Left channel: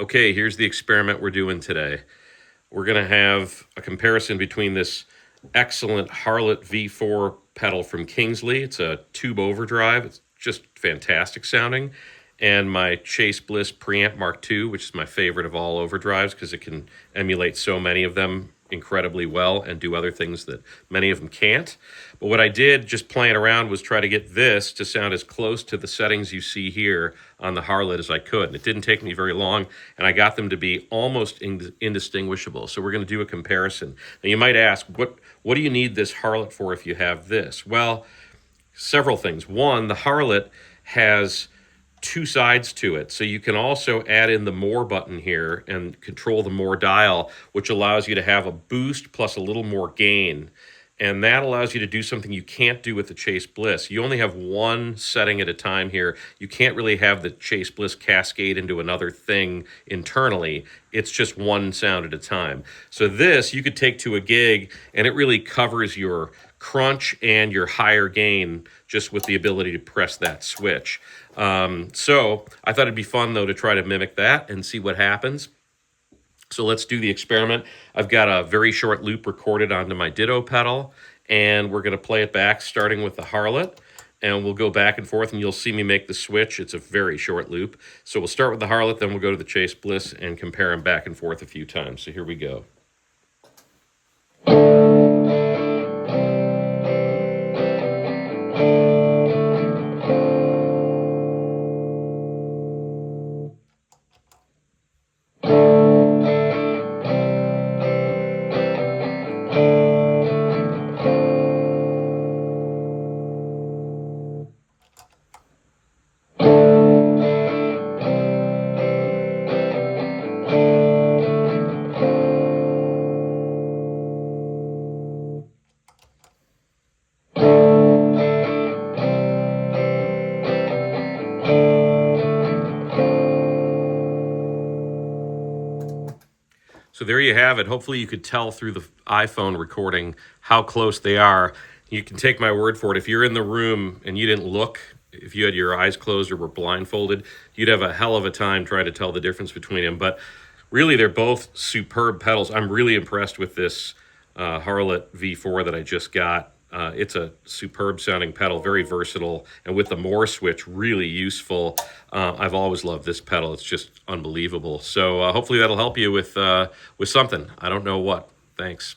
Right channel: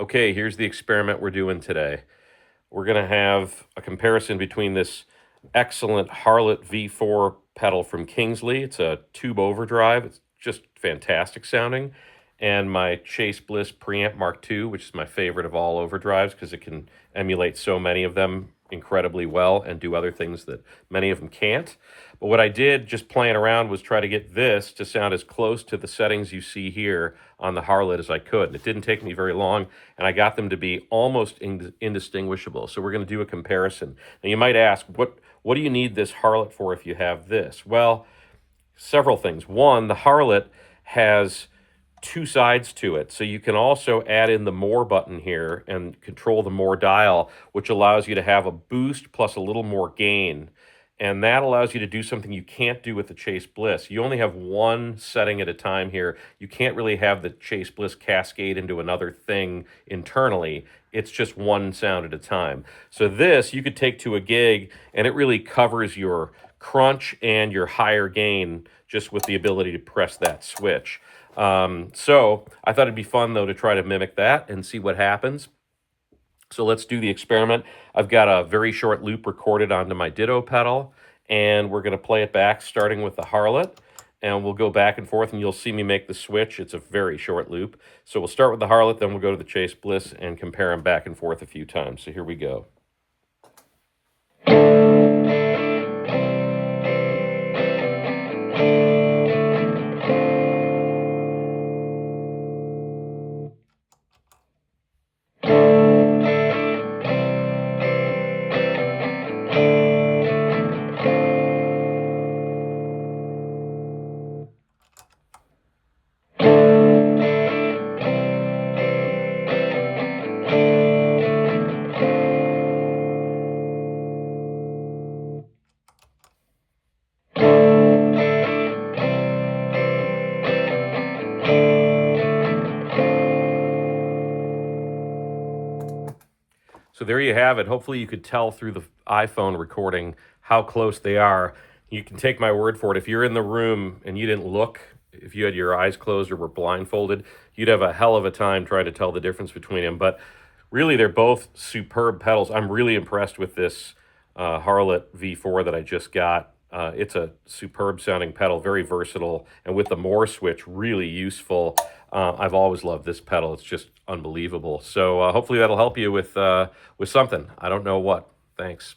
Okay, here's the experiment we're doing today. We're going to have a comparison between this excellent Harlot V4 pedal from Kingsley. It's a tube overdrive. It's just fantastic sounding. And my Chase Bliss Preamp Mark II, which is my favorite of all overdrives because it can emulate so many of them incredibly well and do other things that many of them can't. But what I did just playing around was try to get this to sound as close to the settings you see here on the Harlot as I could. And it didn't take me very long, and I got them to be almost indistinguishable. So we're going to do a comparison. Now you might ask, what do you need this Harlot for if you have this? Well, several things. One, the Harlot has two sides to it. So you can also add in the more button here and control the more dial, which allows you to have a boost plus a little more gain. And that allows you to do something you can't do with the Chase Bliss. You only have one setting at a time here. You can't really have the Chase Bliss cascade into another thing internally. It's just one sound at a time. So this you could take to a gig and it really covers your crunch and your higher gain just with the ability to press that switch. So I thought it'd be fun though to try to mimic that and see what happens. So let's do the experiment. I've got a very short loop recorded onto my Ditto pedal, and we're going to play it back starting with the Harlot, and we'll go back and forth, and you'll see me make the switch. It's a very short loop. So we'll start with the Harlot, then we'll go to the Chase Bliss and compare them back and forth a few times. So here we go. So there you have it. Hopefully you could tell through the iPhone recording how close they are. You can take my word for it. If you're in the room and you didn't look, if you had your eyes closed or were blindfolded, you'd have a hell of a time trying to tell the difference between them. But really, they're both superb pedals. I'm really impressed with this Harlot V4 that I just got. It's a superb sounding pedal, very versatile, and with the more switch, really useful. I've always loved this pedal. It's just unbelievable. So hopefully that'll help you with something. I don't know what. Thanks.